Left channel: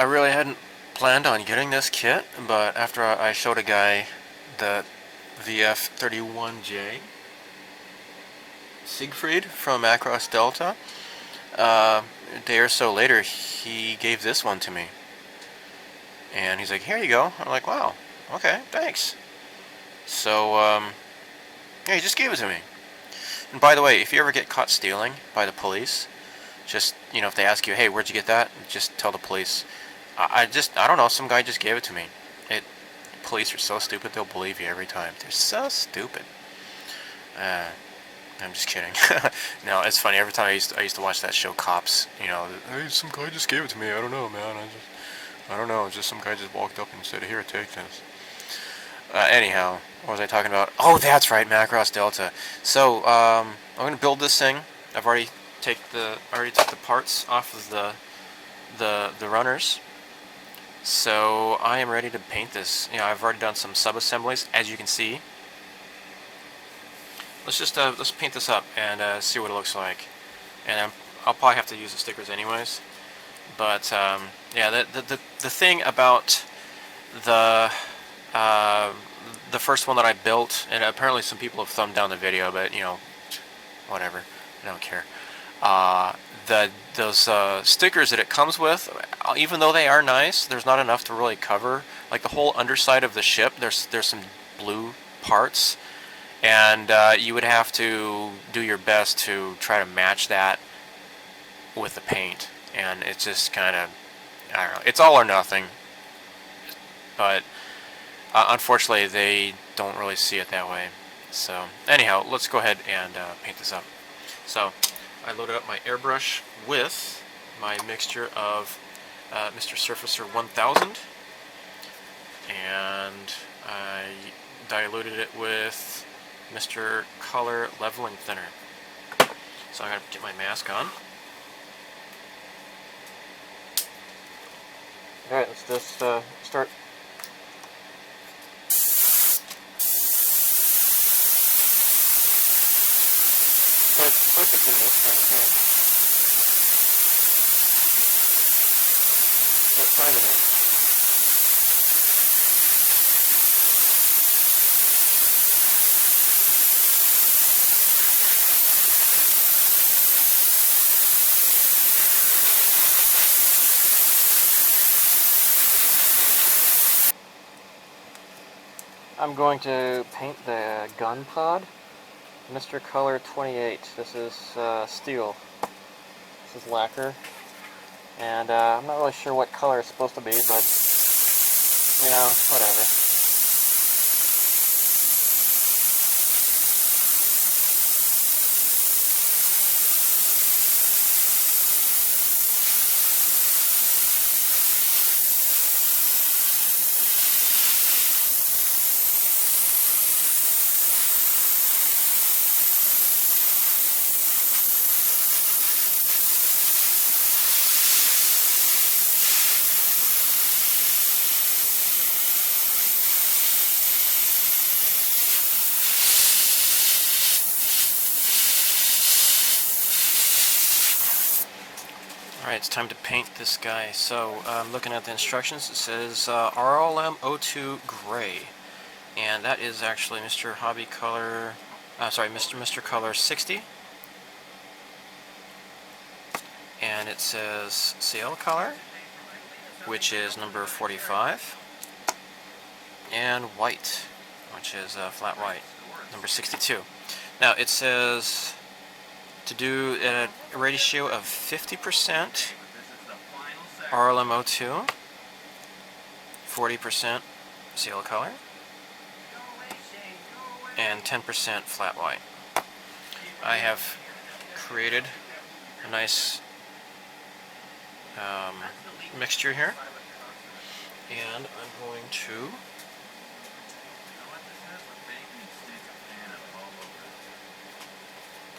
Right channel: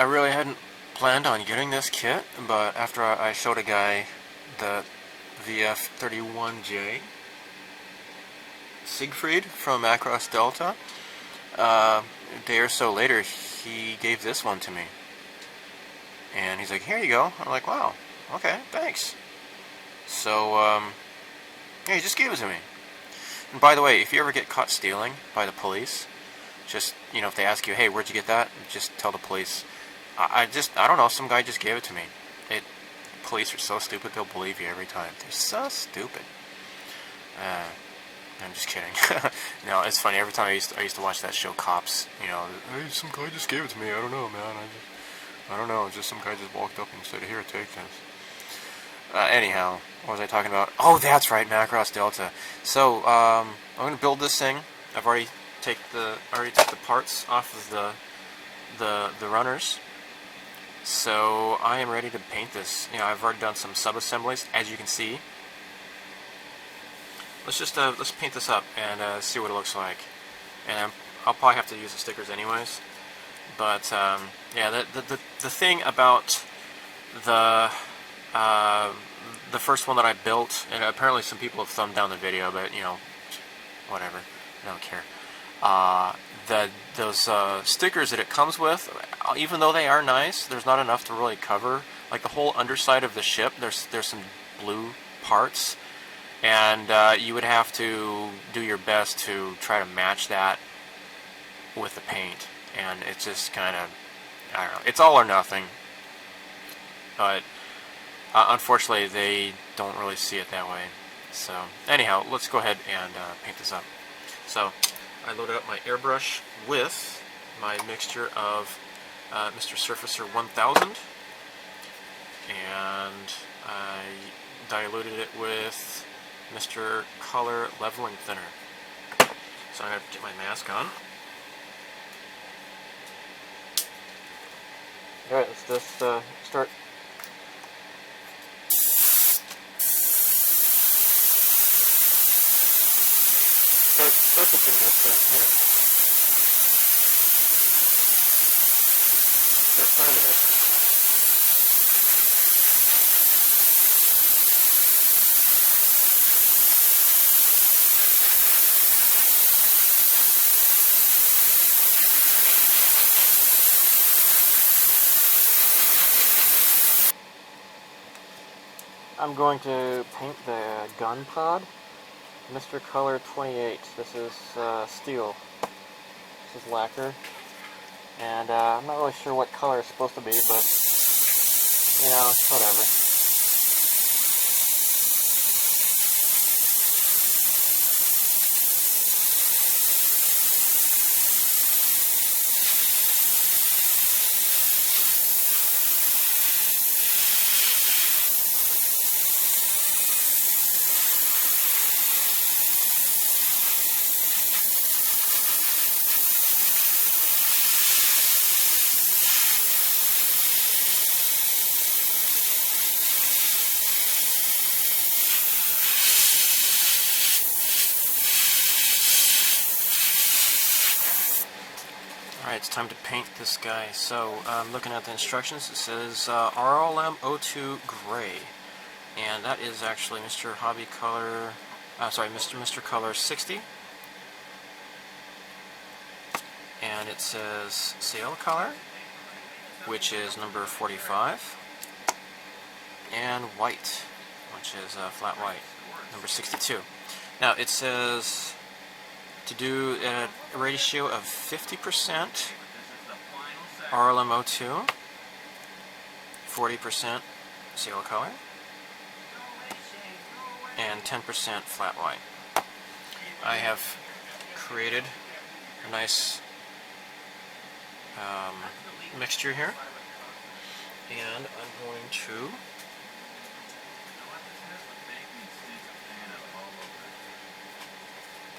I really hadn't planned on getting this kit, but after I showed a guy the VF-31J Siegfried from Macross Delta, a day or so later he gave this one to me. And he's like, here you go. I'm like, wow, okay, thanks. So, yeah, he just gave it to me. And by the way, if you ever get caught stealing by the police, just, if they ask you, hey, where'd you get that? Just tell the police, I don't know, some guy just gave it to me. Police are so stupid, they'll believe you every time. They're so stupid. I'm just kidding. No, it's funny, every time I used to watch that show, Cops, hey, some guy just gave it to me, I don't know, man, I don't know, just some guy just walked up and said, here, take this. Anyhow, what was I talking about? Oh, that's right, Macross Delta. So, I'm going to build this thing. I've already took the parts off of the runners. So, I am ready to paint this. I've already done some sub-assemblies, as you can see. Let's paint this up and see what it looks like. And I'll probably have to use the stickers anyways. But, yeah, the thing about the first one that I built, and apparently some people have thumbed down the video, but whatever, I don't care. Those stickers that it comes with, even though they are nice, there's not enough to really cover. Like the whole underside of the ship, there's some blue parts, and you would have to do your best to try to match that with the paint, and it's just kind of, I don't know, it's all or nothing. But unfortunately, they don't really see it that way. So, anyhow, let's go ahead and paint this up. So, I loaded up my airbrush with my mixture of Mr. Surfacer 1000, and I diluted it with Mr. Color Leveling Thinner. So, I'm going to get my mask on. Alright, let's just start. Start focusing this thing here. Start finding it. I'm going to paint the gun pod. Mr. Color 28. This is steel. This is lacquer. And I'm not really sure what color it's supposed to be, but, whatever. Alright, it's time to paint this guy. So, looking at the instructions, it says RLM02 Gray. And that is actually Mr. Mr. Color 60. And it says Sail Color, which is number 45. And White, which is flat white, number 62. Now, it says to do a ratio of 50% RLM02, 40% Sail Color, and 10% flat white. I have created a nice mixture here, and I'm going to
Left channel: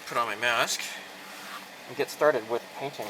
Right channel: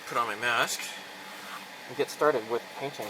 put on my mask and get started with painting.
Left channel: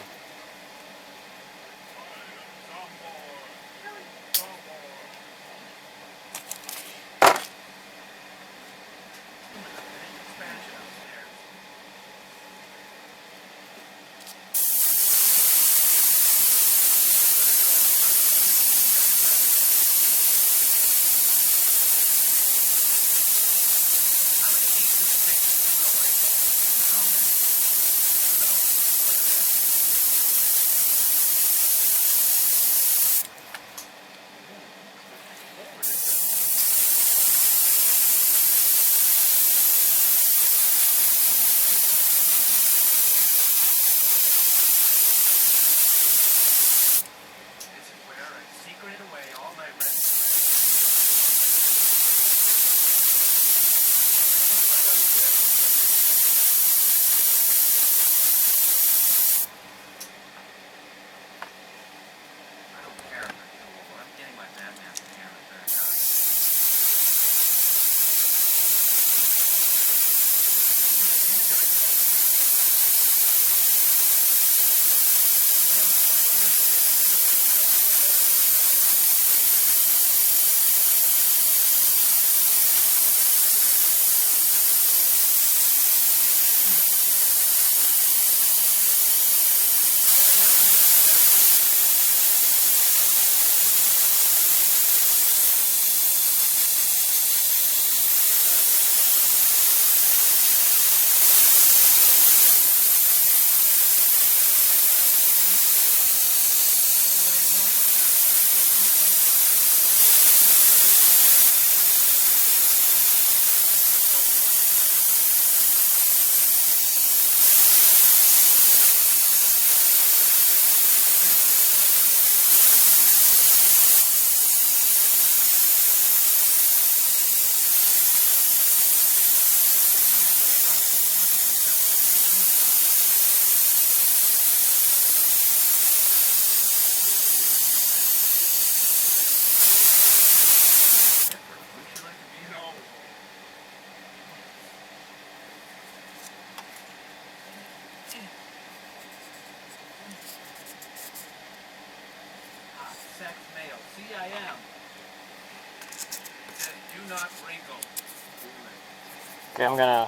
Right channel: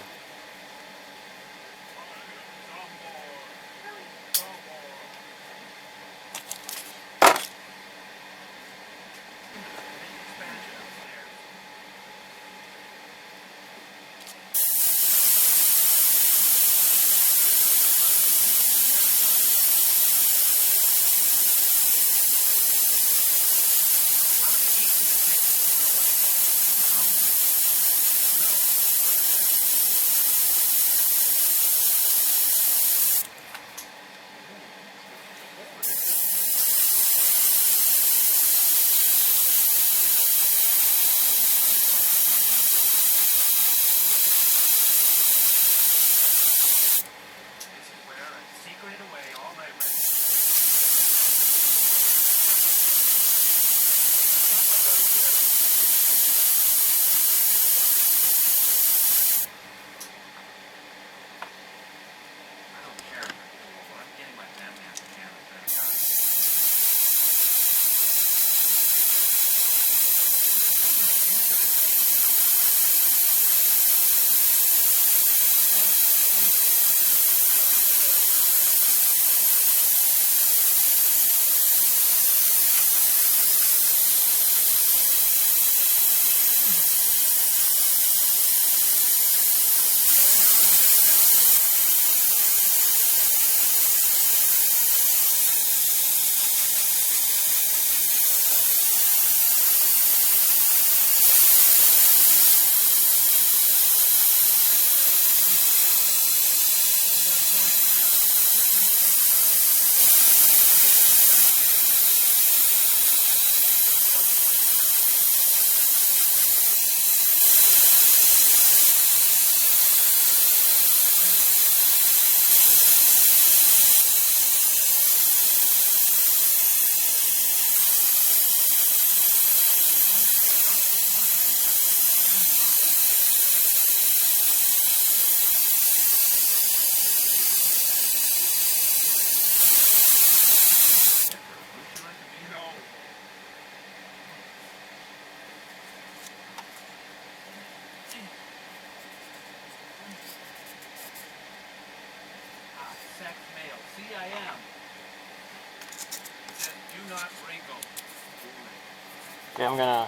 Okay, I'm gonna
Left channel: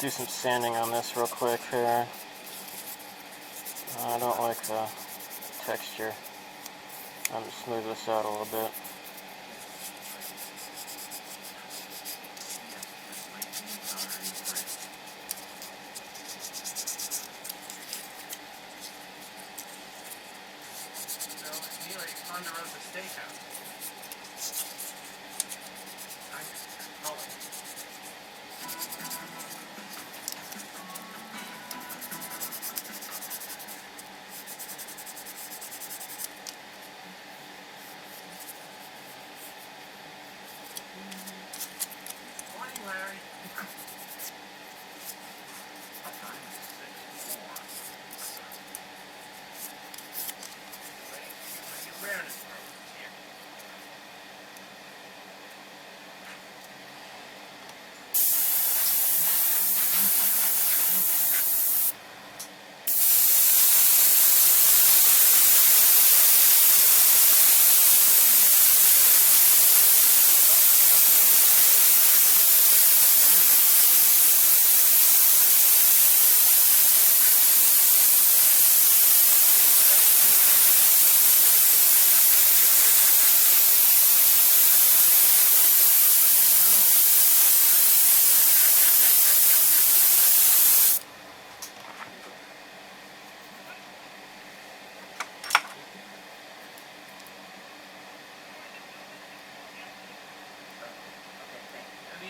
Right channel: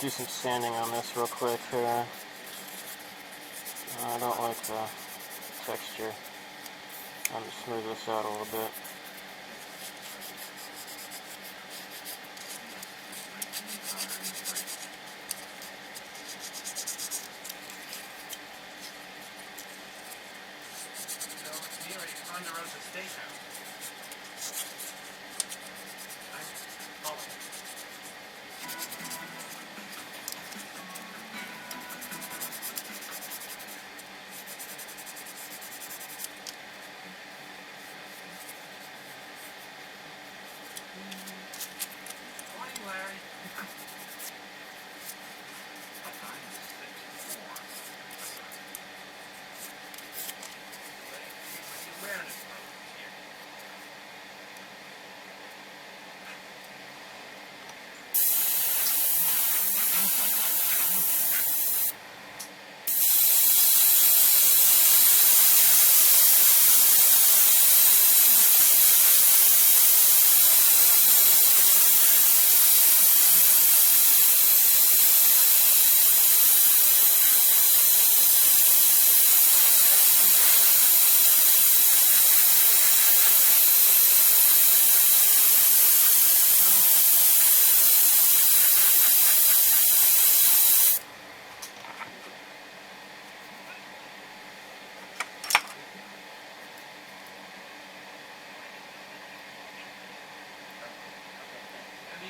do some sanding on this real quick here. I don't like the texture. I'm gonna smooth this out a little bit.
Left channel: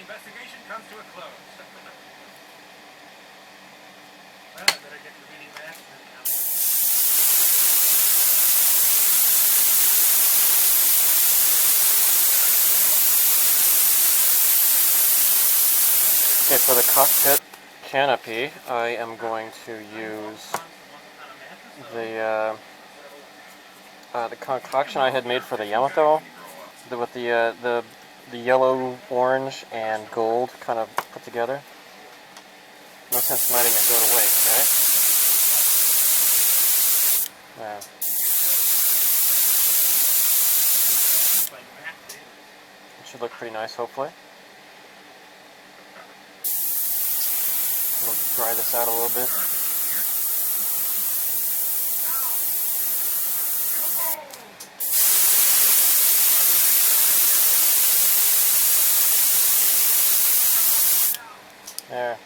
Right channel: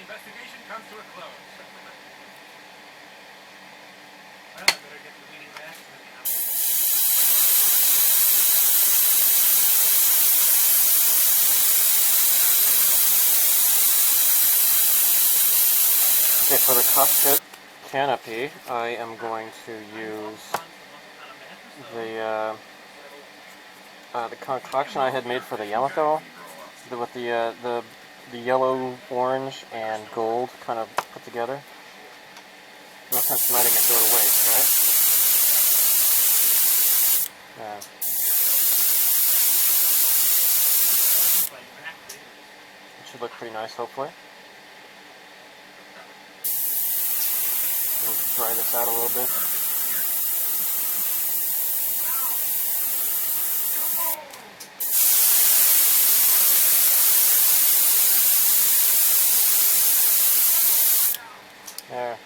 Investigation comes to a close. Well, I better get the reading back. Okay, for the cockpit canopy, I am going to use the concoction I had made for the Yamato, with the yellow, orange, and gold kind of put together. No sense in letting it go to waste, right? Yeah. It should look pretty nice, hopefully. We'll dry this out a little bit. There.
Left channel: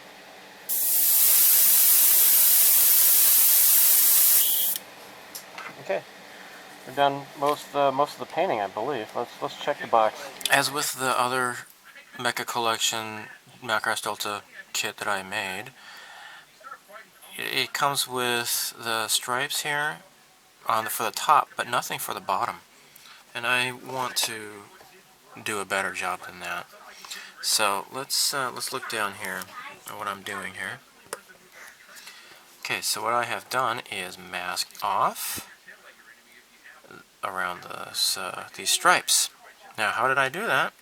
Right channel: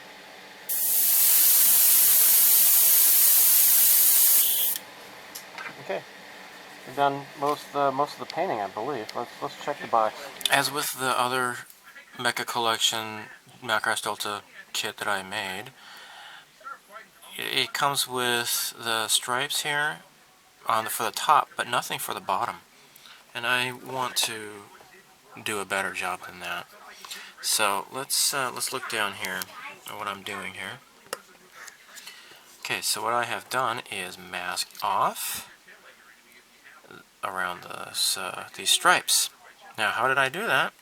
Okay. We've done most of the painting, I believe. Let's check the box. As with the other Mecha Collection Macross Delta kit that I made, it comes with the stripes here for the top, but nothing for the bottom. And I want to do a better job than that. So let's look down here at what I'm doing here. Okay, so what I have done is mask off around these stripes. Now, how did I do that?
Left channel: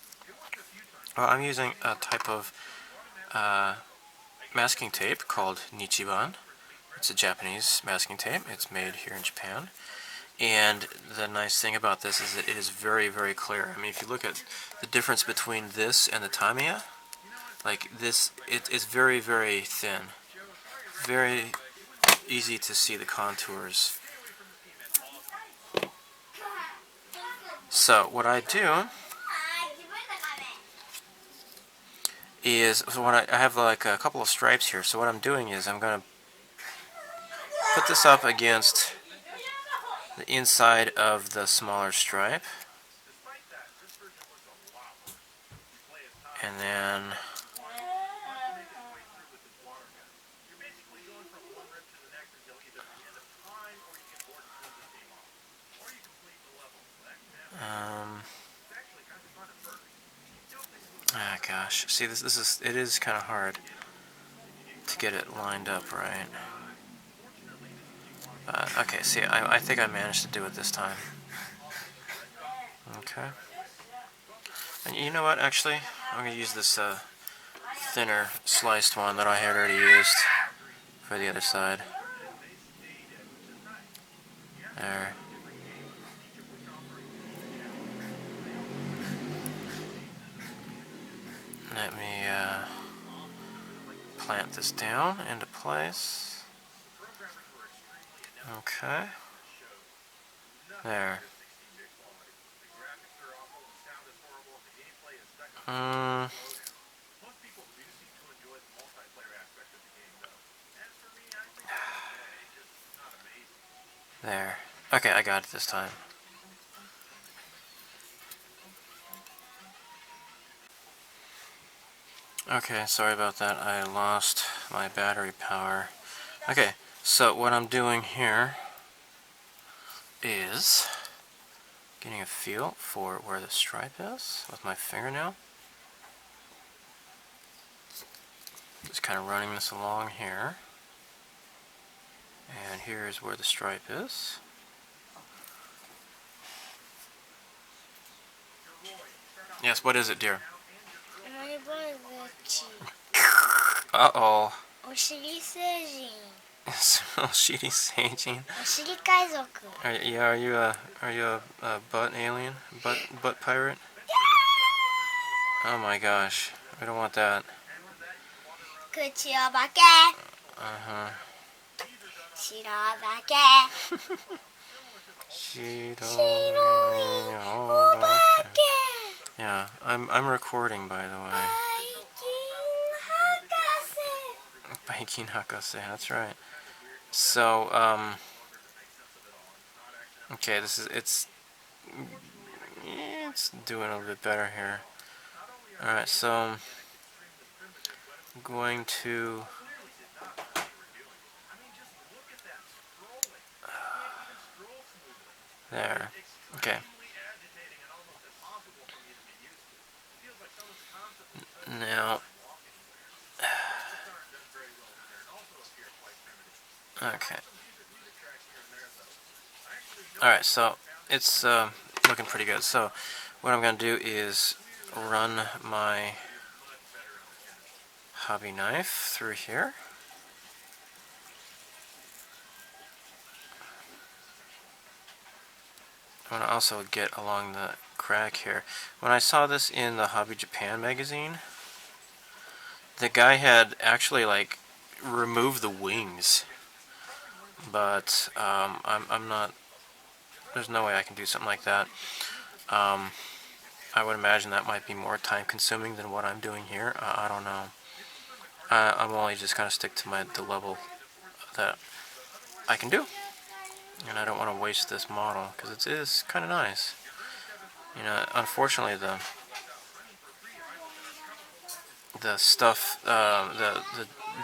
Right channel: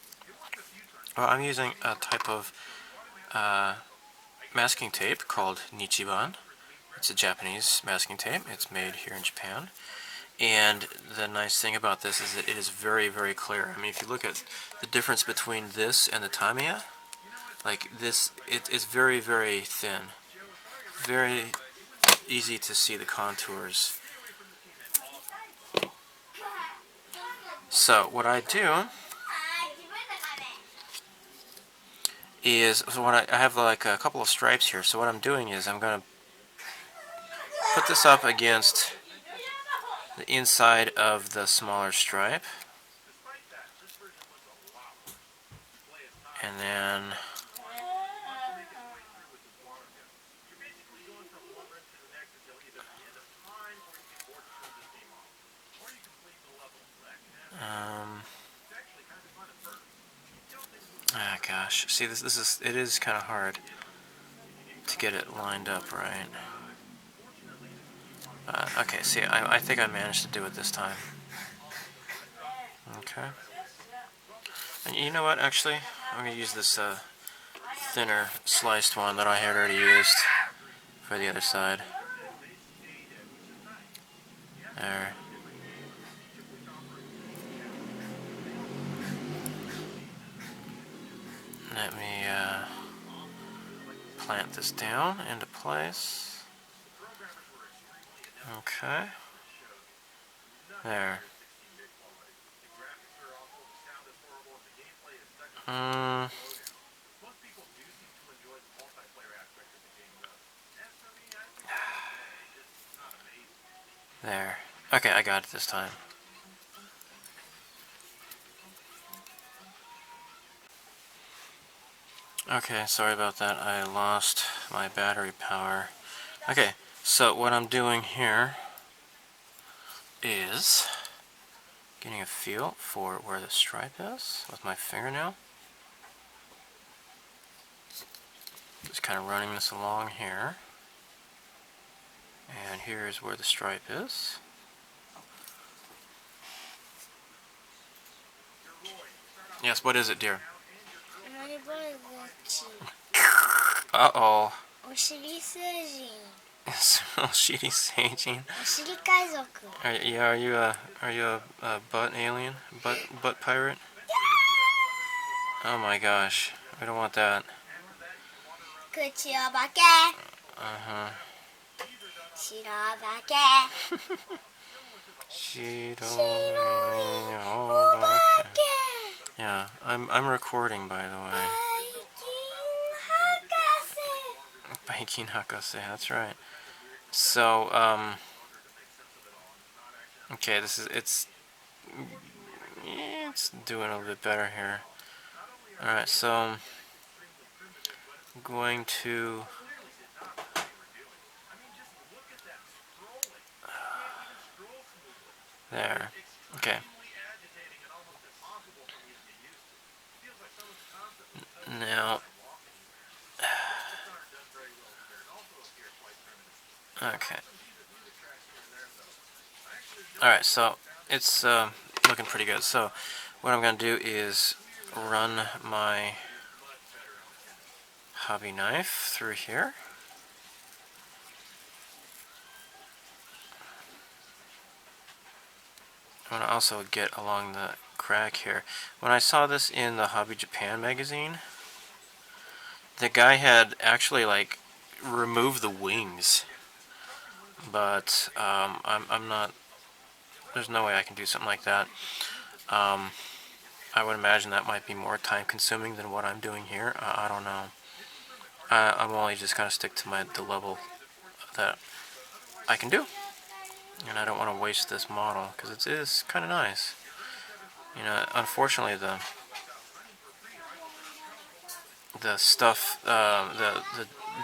Well, I'm using a type of masking tape called Nichiban. It's a Japanese masking tape. It's made here in Japan. And the nice thing about this is that it is very, very clear. I mean, if you look at the difference between this and the Tamiya, like this, it's very, very thin. Very easy to see the contours. So what I do is, I have like a couple of stripes here. So what I'm doing is I'm going to put this up against the inside of the smaller stripe. And then gosh, see it is kind of hard to get it lined up right. Okay, see, I think I managed to do it this time. Okay. And you know what, actually, I'm going to use this thinner sliced one that I had already used for the other side. There. Let me plant this down into place. Okay. There. There. Okay, I got it this time. Okay, sorry about that. I lost my battery power. Okay, so what I'm doing here is getting a feel for where the stripe is with my fingernail. Just kind of running this along here. And here is where the stripe is. Yes, what is it, dear? Uh-oh. お尻星人 Shitty saging. お尻海賊 Are you a butt alien? Butt pirate? Oh my gosh. We don't want that. 口お化け Uh-huh. 白お化け Yeah, I'm recording, by the way. バイキン博士 Biking Hakase, that's right. So, okay, it's doing a little bit better here. Alright, so I'm going to there. Okay. Now, okay. Alright, so it's looking pretty good. So what I'm going to do is run my hobby knife through here. I want to also get along the crack here. When I saw this in the Hobby Japan magazine, the guy had actually like removed the wings, but I'm not. There's no way I can do something like that. I would imagine that might be more time consuming than what I'm doing here. I don't know. I'm only just gonna stick to the level that I can do, and I don't want to waste this model because it is kind of nice. You know, unfortunately the stuff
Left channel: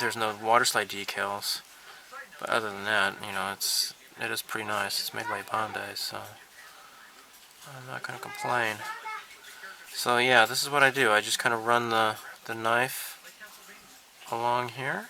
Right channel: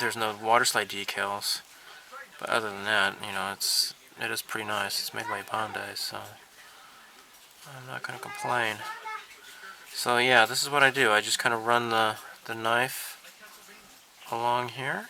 there's no water slide decals, but other than that, you know, it is pretty nice. It's made by Bandai, so I'm not gonna complain. So yeah, this is what I do. I just kind of run the knife along here.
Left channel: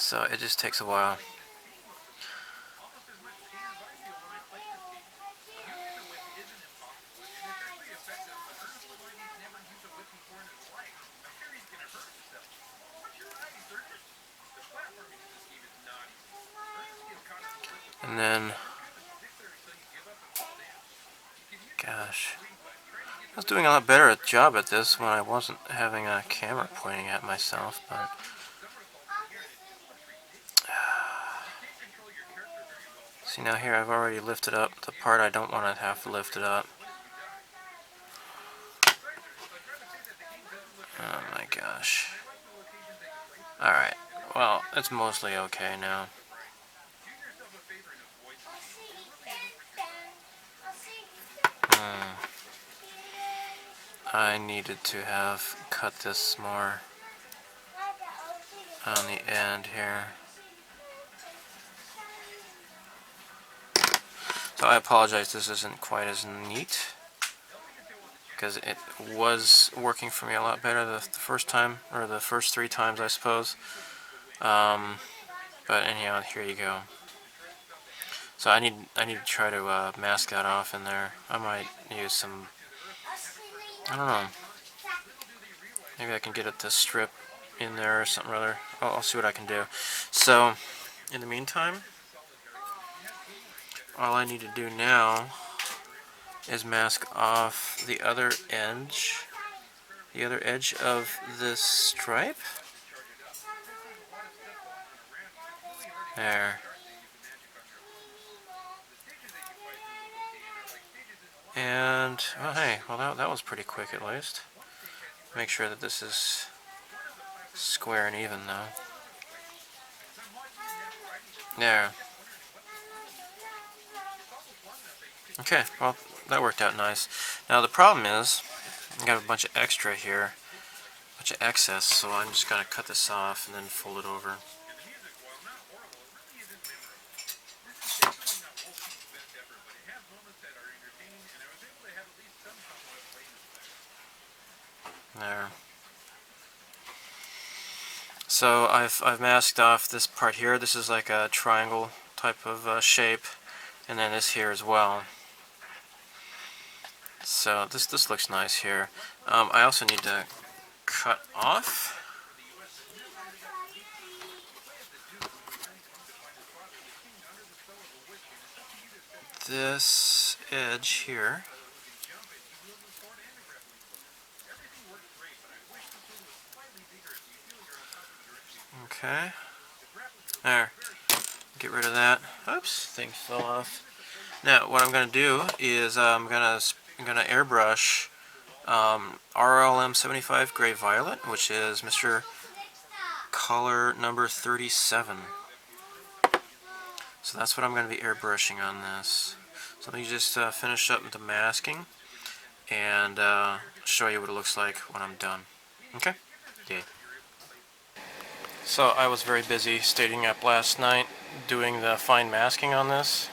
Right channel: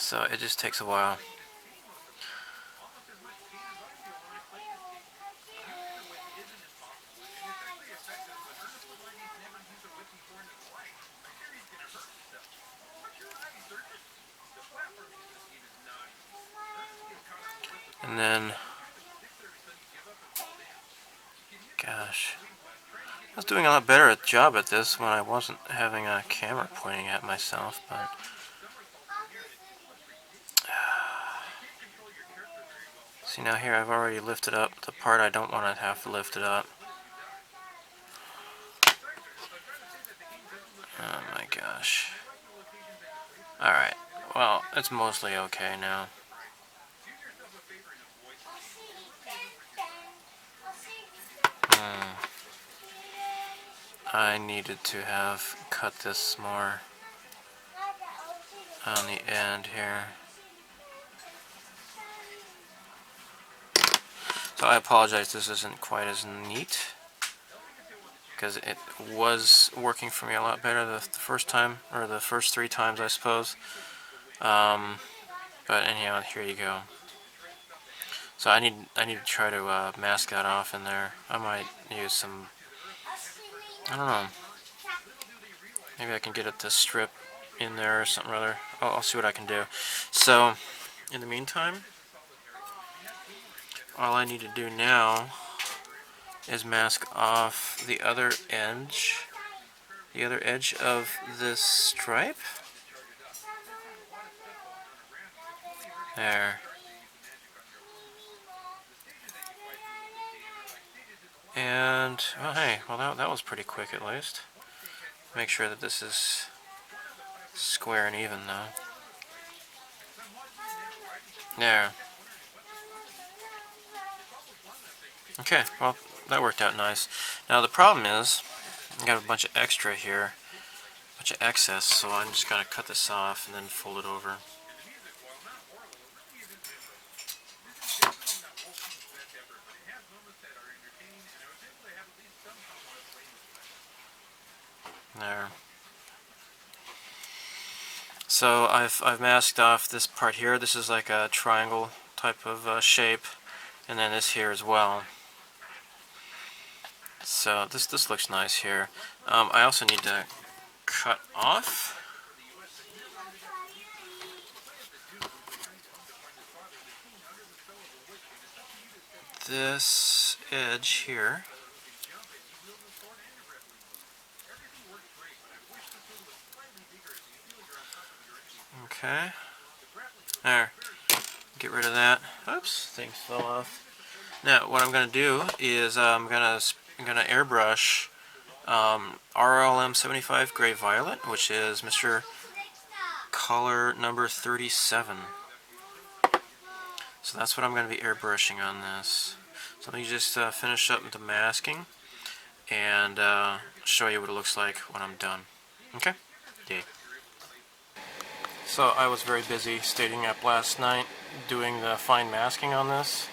So it just takes a while. And then, gosh, I was doing a lot better job at this when I wasn't having a camera pointing at myself, but see, now here I've already lifted up the part I don't want to have to lift it up. Oh my gosh. Alright, well, it's mostly okay now. I needed to have cut this more on the end here. So I apologize, this isn't quite as neat, because it was working for me a lot better the first time, or the first 3 times, I suppose. But anyhow, here you go. So I need to try to mask that off in there. I might use some, I don't know. Maybe I can get it to strip in there or something or other. I'll see what I can do. So, in the meantime, all I need to do now is mask off the other edge of this stripe. There. And, oh hey, well that was pretty quick at least. Make sure that this is square and even though. There. Okay, well that worked out nice. Now the problem is, I got a bunch of extra here, a bunch of excess, so I'm just gonna cut this off and then fold it over. There. So I've masked off this part here. This is like a triangle type of shape, and then this here as well. So this looks nice here. I also need to cut off this edge here. Okay. There. Get rid of that. Oops, thing fell off. Now, what I'm going to do is I'm going to airbrush RLM 75 Gray Violet, which is Mr. Color number 37. So that's what I'm going to be airbrushing on this. So let me just finish up the masking and show you what it looks like when I'm done. Okay? Yeah. So I was very busy staying up last night doing the fine masking on this,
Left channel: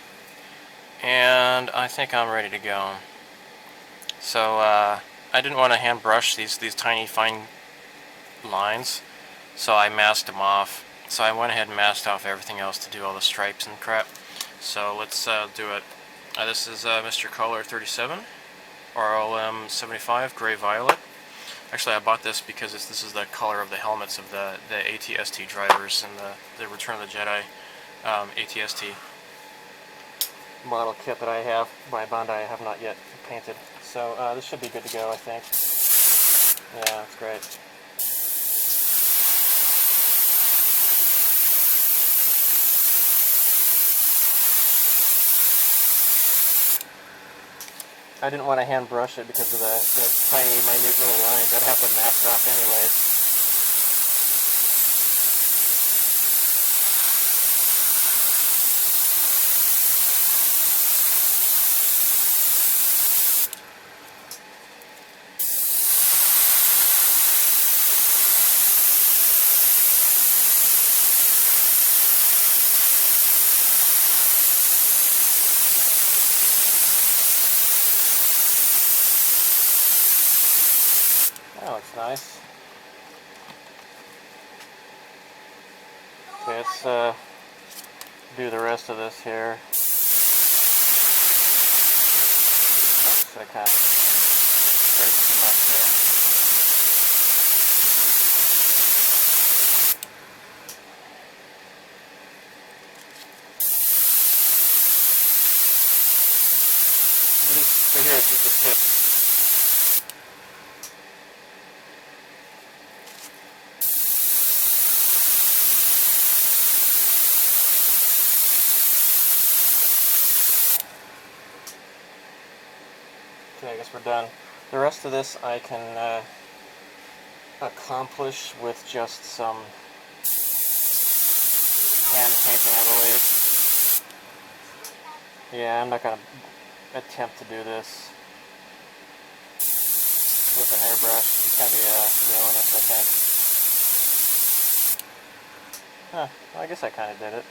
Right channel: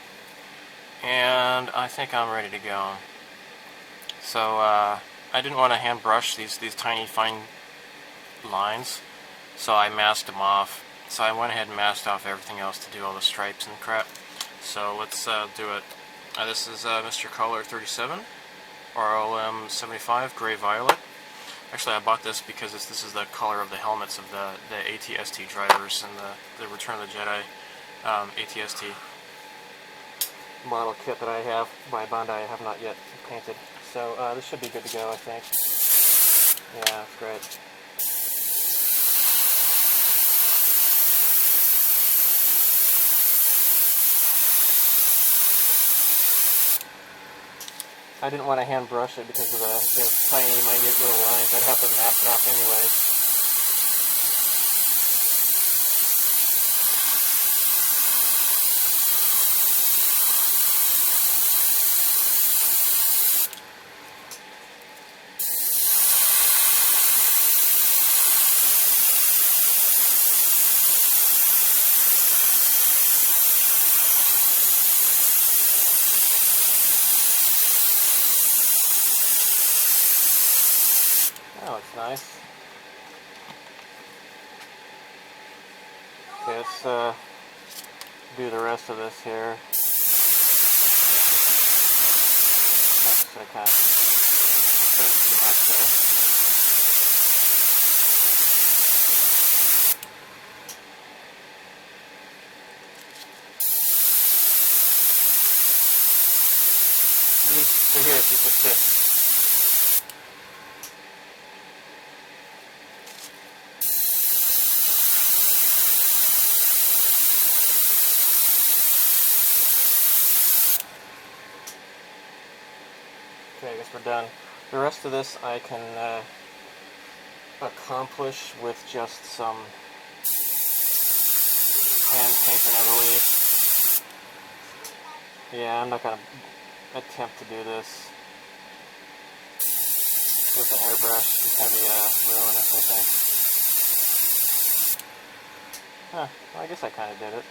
and I think I'm ready to go. So I didn't want to hand brush these tiny fine lines, so I masked them off. So I went ahead and masked off everything else to do all the stripes and crap. So let's do it. This is Mr. Color 37, RLM 75 Gray Violet. Actually, I bought this because this is the color of the helmets of the ATST drivers and the Return of the Jedi ATST model kit that I have by Bandai. I have not yet painted. So this should be good to go, I think. Yeah, that's great. I didn't want to hand brush it because of the tiny, minute little lines. I'd have to mask it off anyways. Oh, it's nice. Okay, let's do the rest of this here. Oops, I kind of sprayed too much there. So here's just a tip. Okay, I guess we're done. The rest of this I can accomplish with just some hand painting, I believe. Yeah, I'm not going to attempt to do this with an airbrush. It's going to be ruinous, I think. Huh, well, I guess I kind of did it.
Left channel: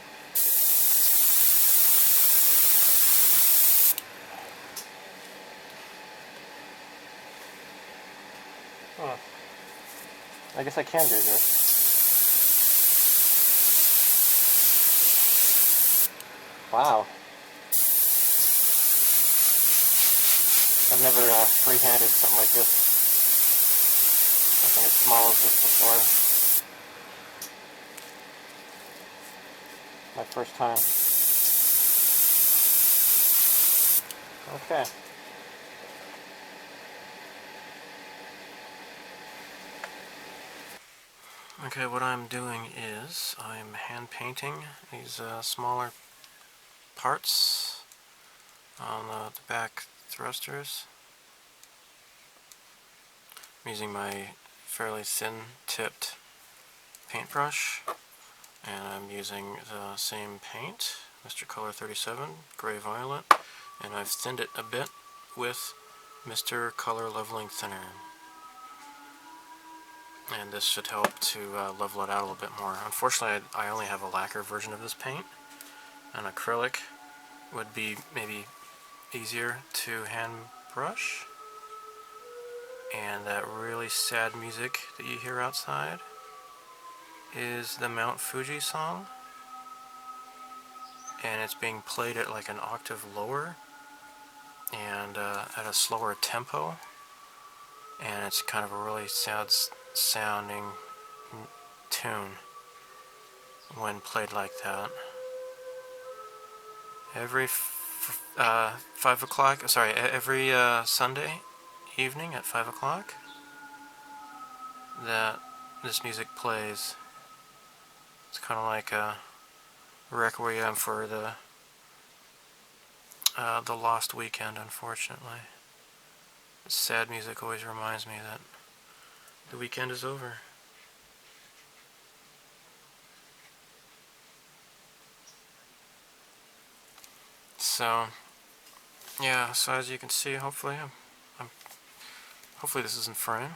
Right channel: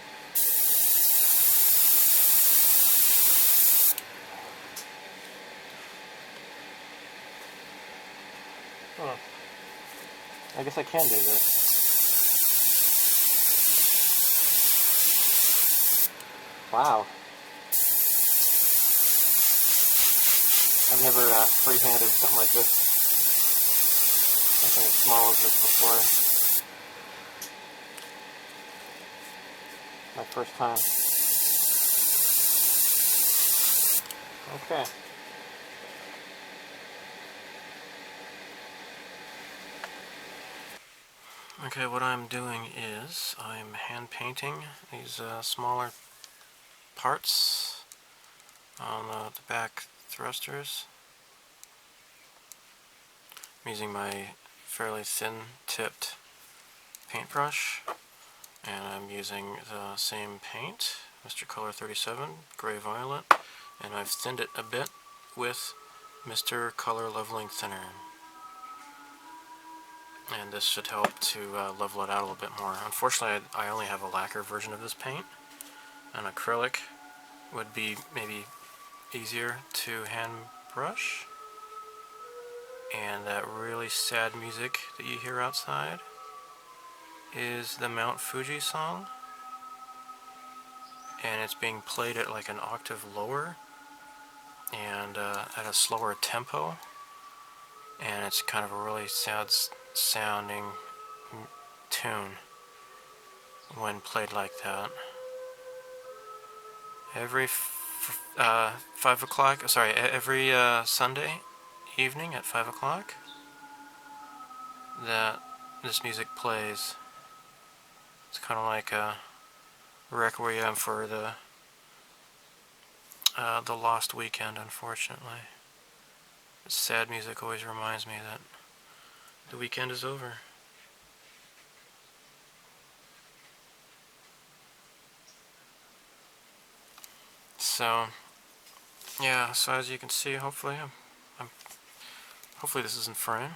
I guess I can do this. Wow. I've never free-handed something like this. Something as small as this before. My first time. Okay. Okay, what I'm doing is I'm hand painting these smaller parts on the back thrusters. I'm using my fairly thin tipped paintbrush, and I'm using the same paint, Mr. Color 37, Gray Violet, and I've thinned it a bit with Mr. Color Leveling Thinner. And this should help to level it out a little bit more. Unfortunately, I only have a lacquer version of this paint. An acrylic would be maybe easier to hand brush. And that really sad music that you hear outside is the Mount Fuji song. And it's being played at like an octave lower and at a slower tempo. And it's kind of a really sad sounding tune when played like that. Every 5 o'clock, sorry, every Sunday evening at 5 o'clock that this music plays. It's kind of like a requiem for the lost weekend, unfortunately. Sad music always reminds me that the weekend is over. So, yeah, so as you can see, hopefully this is in frame.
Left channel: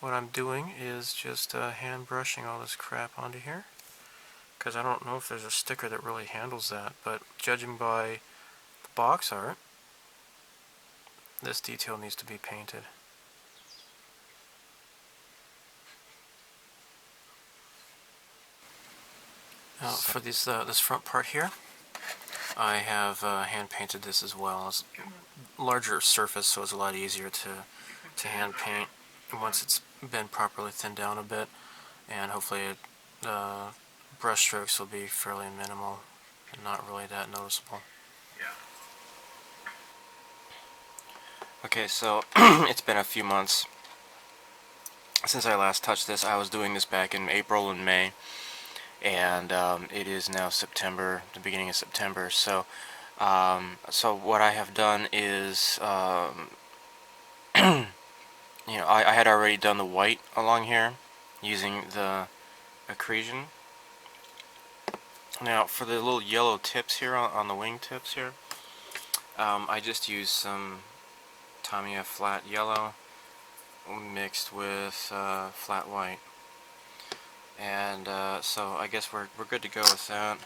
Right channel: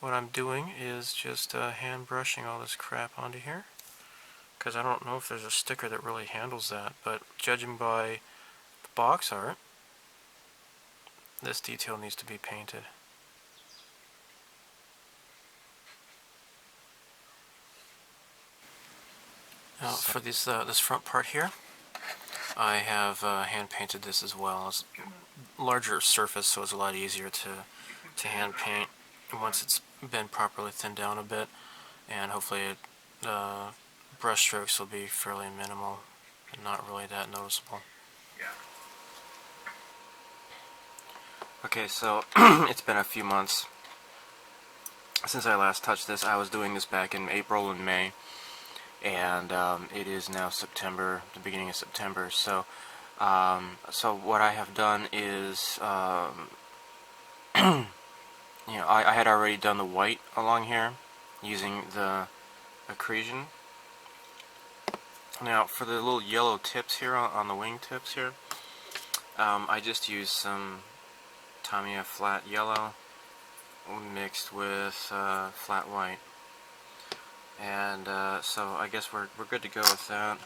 What I'm doing is just hand brushing all this crap onto here, because I don't know if there's a sticker that really handles that, but judging by the box art, this detail needs to be painted. Now for this front part here, I have hand painted this as well. It's a larger surface, so it's a lot easier to hand paint once it's been properly thinned down a bit, and hopefully brush strokes will be fairly minimal and not really that noticeable. Okay, so it's been a few months since I last touched this. I was doing this back in April and May, and it is now September, the beginning of September. So, so what I have done is, you know, I had already done the white along here using the accretion. Now, for the little yellow tips here on the wing tips here, I just used some Tamiya flat yellow mixed with flat white, and so I guess we're good to go with that.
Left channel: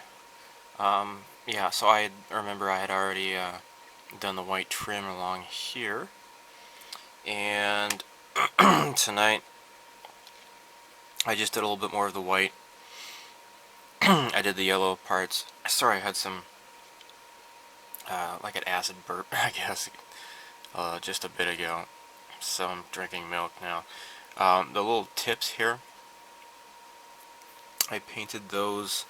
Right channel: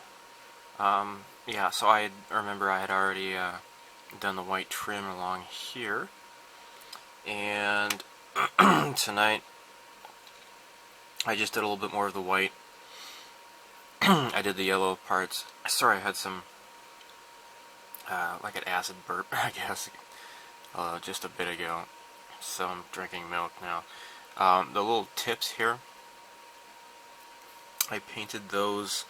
Yeah, so I remember I had already done the white trim along here, and tonight I just did a little bit more of the white. I did the yellow parts. Sorry, I had some like an acid burp, I guess, just a bit ago, so I'm drinking milk now. The little tips here, I painted those,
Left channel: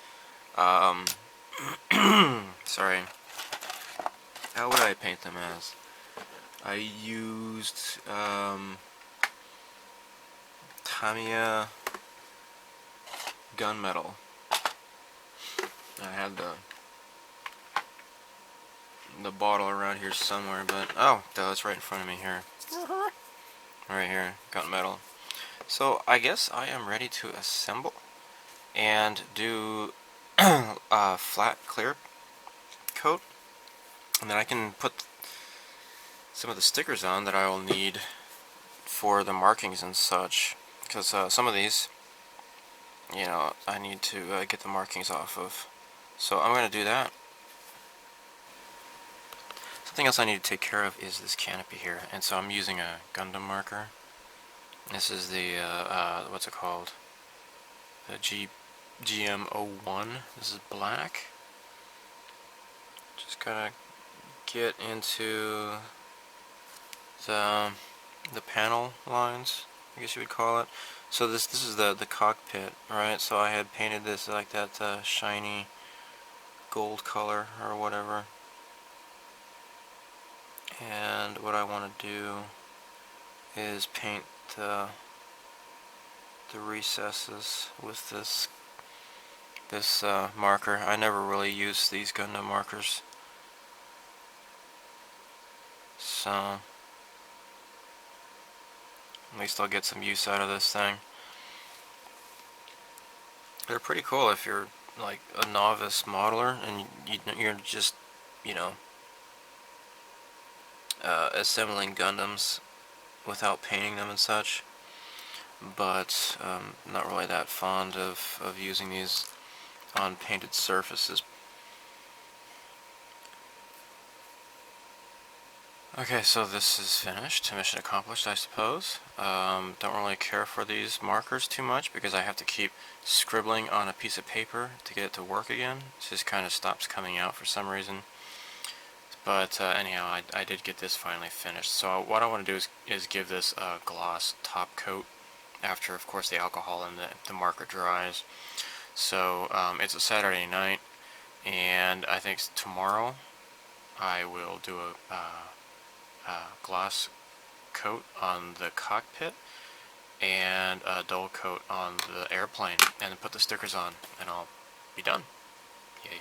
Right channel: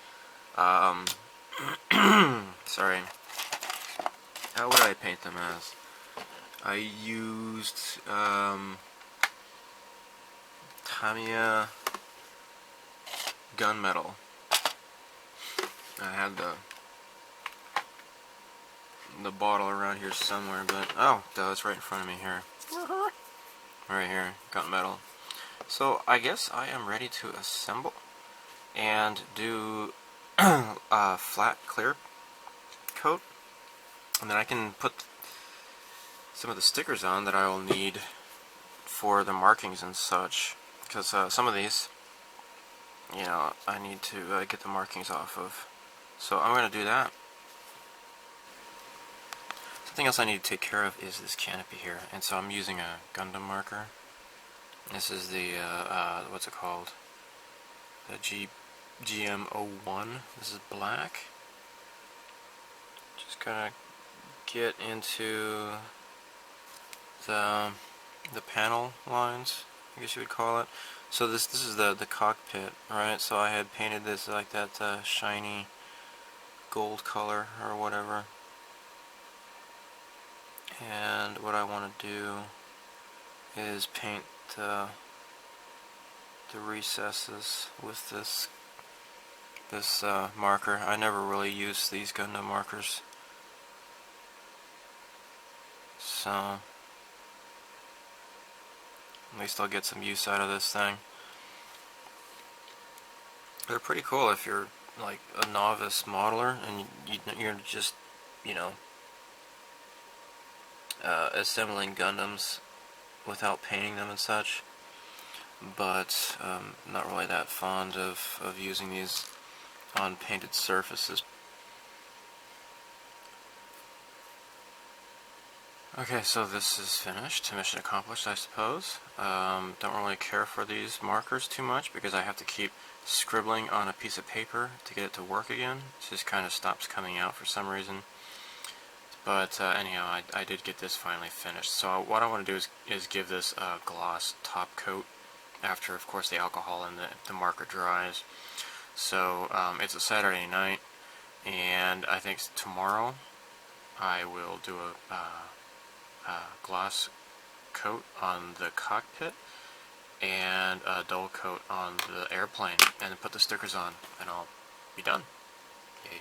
sorry, how would I paint them as? I used Tamiya gunmetal. I had the bottle around here somewhere, but oh, it's right in front of me here. Right here, gunmetal. So I guess I am ready to assemble and do a flat clear coat, and then I can put some of the stickers on that I will need for the markings and such, because some of these, you know, I need to get the markings off of. So I'm going to do that. Something else I need to take care of is this canopy here, and so I'm using a Gundam marker. This is the, what's it called? The GM01. This is black. Just gonna get into the panel lines I guess you would call it. So this is the cockpit, right? So I had painted this like that shiny gold color or whatever. And what I want to do is paint the recesses with this marker. I never really use these Gundam markers, so at least I'll get some use out of this thing. They're pretty cool if you're like a novice modeler and you're just, you know, assembling Gundams without painting them and such. But not really that fond of using these on painted surfaces. Okay, so this is finished. Mission accomplished, I suppose. Don't really care for these markers too much because I have to keep scribbling on a piece of paper to get it to work again. It just kind of stops coming out for some reason. But anyhow, I did get this finally finished. So what I want to do is give this a gloss top coat after, of course, the alcohol and the marker dries. So it's a Saturday night, and I think tomorrow I will do a gloss coat on the cockpit and a dull coat on the airplane, and then put the stickers on, and I'll be done. Yay.